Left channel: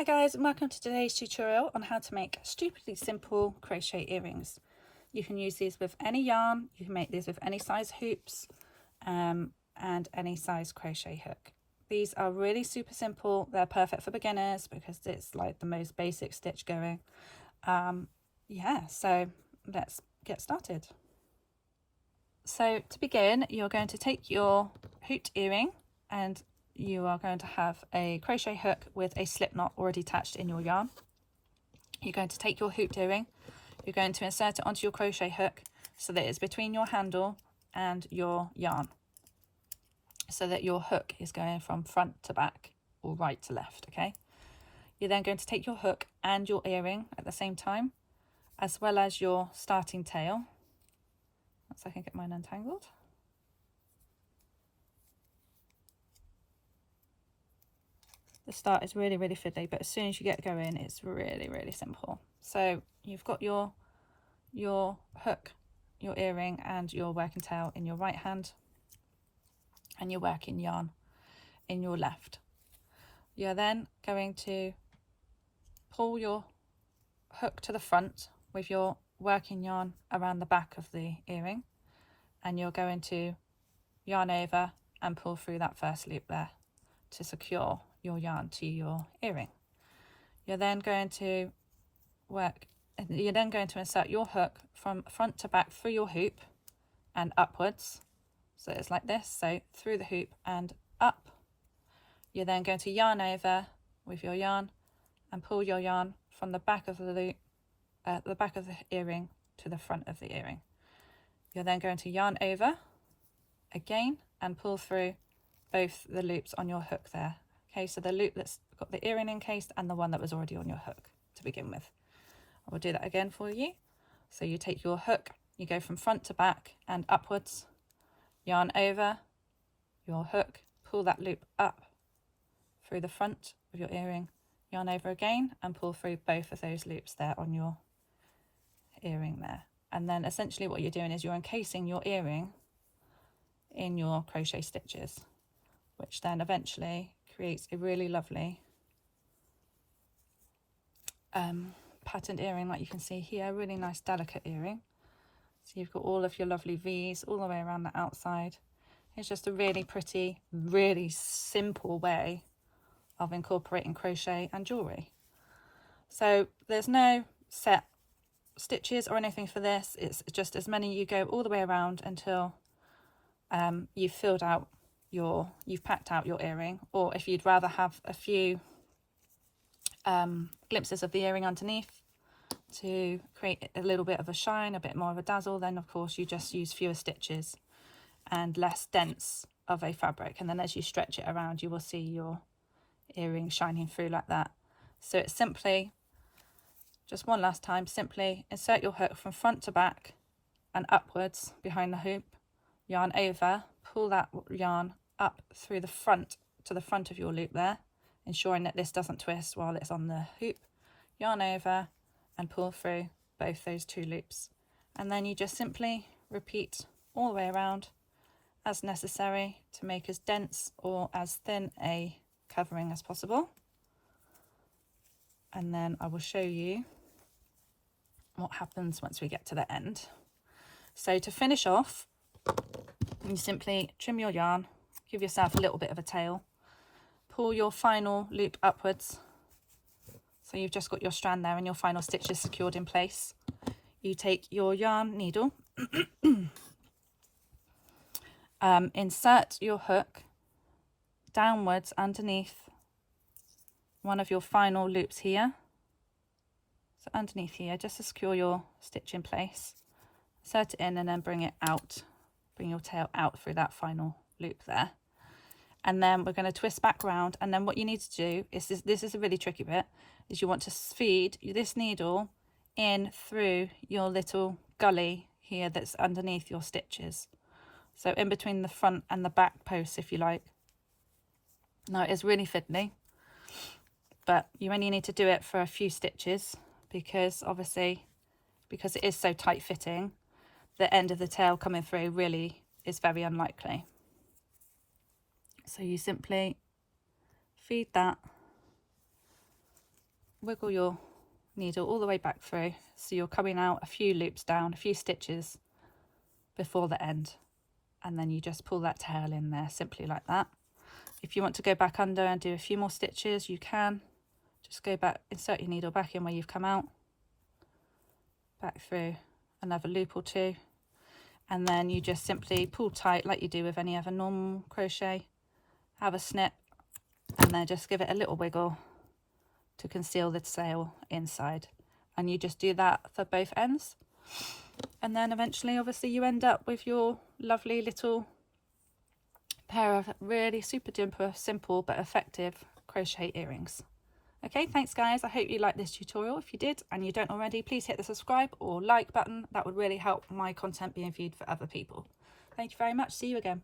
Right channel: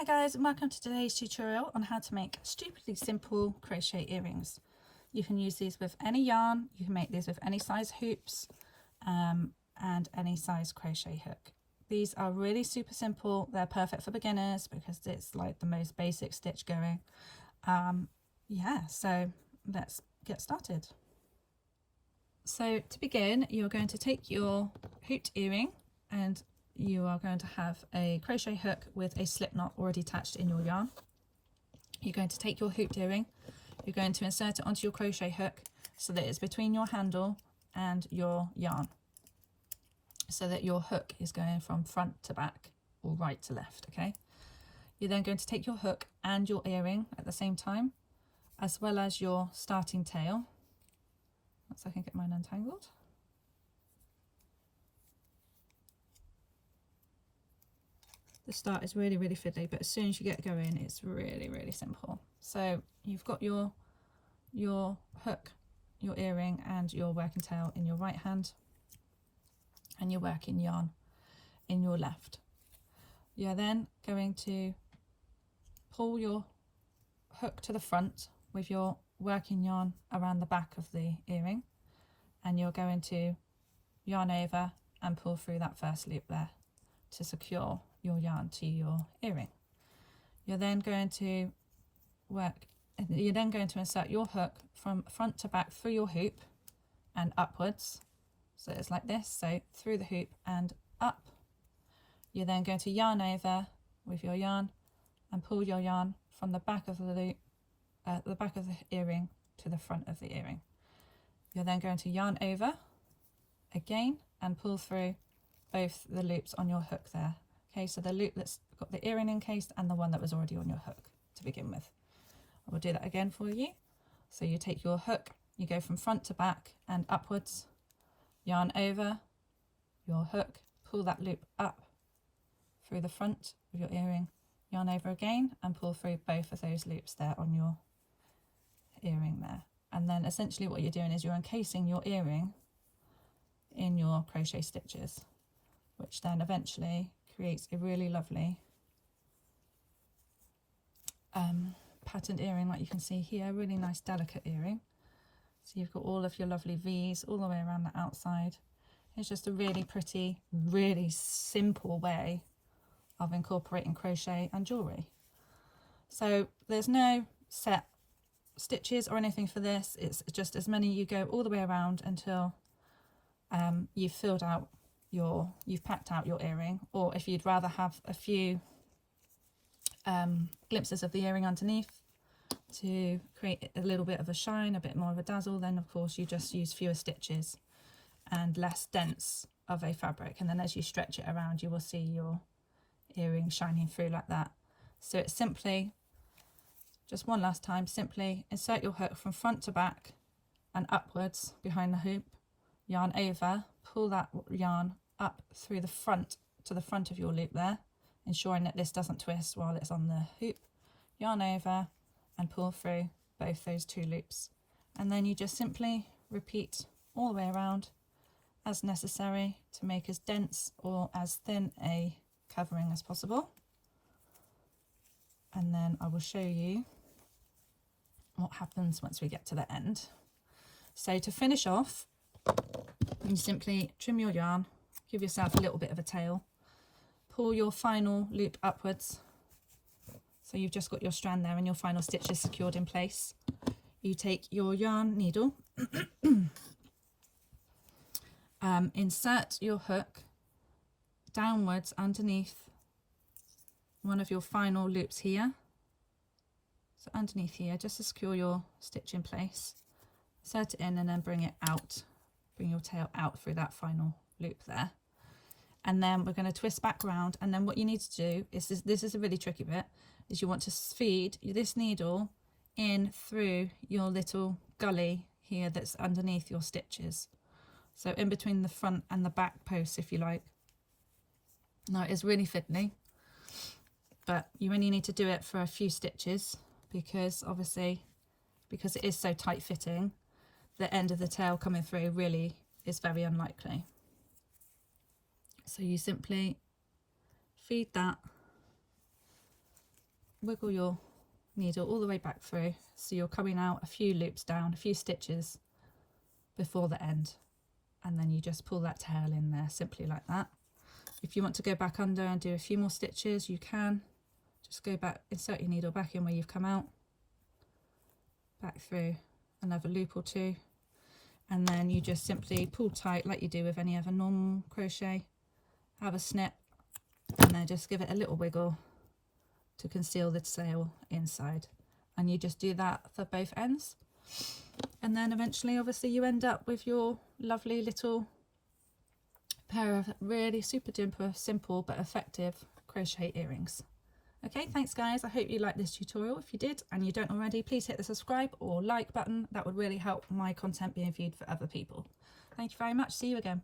Hi guys, and welcome to today's tutorial on how to make stupidly simple crochet earrings. You can use these with any yarn, you can make these with any size hoops and any size crochet hook. These are really super simple, they're perfect for beginners because it's like the most basic stitch going. Yeah, so let's get started. So to begin, you're going to take your hooped earring and you are going to have a crochet hook with a slip knot already attached in your yarn. You're going to take your hooped earring, you're going to insert it onto your crochet hook so that it's between your handle and your yarn, so that your hook is going from front to back or right to left. Okay, you're then going to take your hook and your earring at the same time, as well as your starting tail. Once I can get mine untangled. The start is really fiddly, but as soon as you get going it's really simple. So you've got your hook, your earring and your working tail in your right hand and your working yarn in your left. You're then going to pull your hook to the front with your working yarn around the back of the earring, and you're going to yarn over and pull through that first loop there to secure your yarn to your earring. You're then going to insert your hook from front to back through your hoop and upwards, so it's like this, so through the hoop and up. You're then going to yarn over with your yarn and pull your yarn from the back of the loop, the back of the earring to the front of the earring. You're then going to yarn over again and pull through both the loops on your hook there. Okay, so the loop that's got the earring encased and the one that was already on your hook to begin with. I will do that again for you. So you take your hook, you go from front to back and upwards, yarn over your hook, pull that loop up through the front of your earring, yarn over again and pull through both of those loops there on your earring there. And then essentially what you're doing is you're encasing your earring in your crochet stitches, which then eventually creates a really lovely patterned earring, like you can see here, really nice delicate earring. So you've got all of your lovely V's all the way around the outside. It's just a really pretty, really simple way of incorporating crochet and jewellery. So there's no set stitches or anything for this, it's just as many you go all the way around until you've filled out you've packed out your earring, or if you'd rather have a few glimpses of the earring underneath to create a little bit of a shine, a bit more of a dazzle, then of course you just use fewer stitches and less dense of a fabric, and then as you stretch it around you will see your earring shining through like that. So it's simply, just one last time, simply insert your hook from front to back and upwards behind the hoop, yarn over, pull that yarn up through the front to the front of your loop there, ensuring that this doesn't twist while it's on the hoop, yarn over and pull through both those two loops, and then you just simply repeat all the way around as necessary to make as dense or as thin a covering as possible. And then I will show you what happens once we get to the end. So to finish off, you simply trim your yarn, give yourself a little bit of a tail, pull your final loop upwards, so you've just got your strand there and your final stitch is secured in place. You take your yarn needle, insert your hook downwards underneath one of your final loops here, so underneath here, just to secure your stitch in place, insert it in and then bring it out, bring your tail out through that final loop there. And then we're going to twist back round, and then what you need to do is this is a really tricky bit, is you want to feed this needle in through your little gully here that's underneath your stitches, so in between the front and the back posts, if you like. Now it is really fiddly, but you only need to do it for a few stitches because obviously, because it is so tight fitting, the end of the tail coming through really is very unlikely. So you simply feed that wiggle your needle all the way back through, so you're coming out a few loops down, a few stitches before the end, and then you just pull that tail in there simply like that. If you want to go back under and do a few more stitches, you can just go back, insert your needle back in where you've come out, back through another loop or two, and then you just simply pull tight like you do with any other normal crochet, have a snip, and then just give it a little wiggle to conceal the tail inside, and you just do that for both ends, and then eventually obviously you end up with your lovely little pair of really super duper simple but effective crochet earrings. Okay, thanks guys, I hope you liked this tutorial. If you did and you don't already, please hit the subscribe or like button. That would really help my content being viewed for other people. Thank you very much. See you again.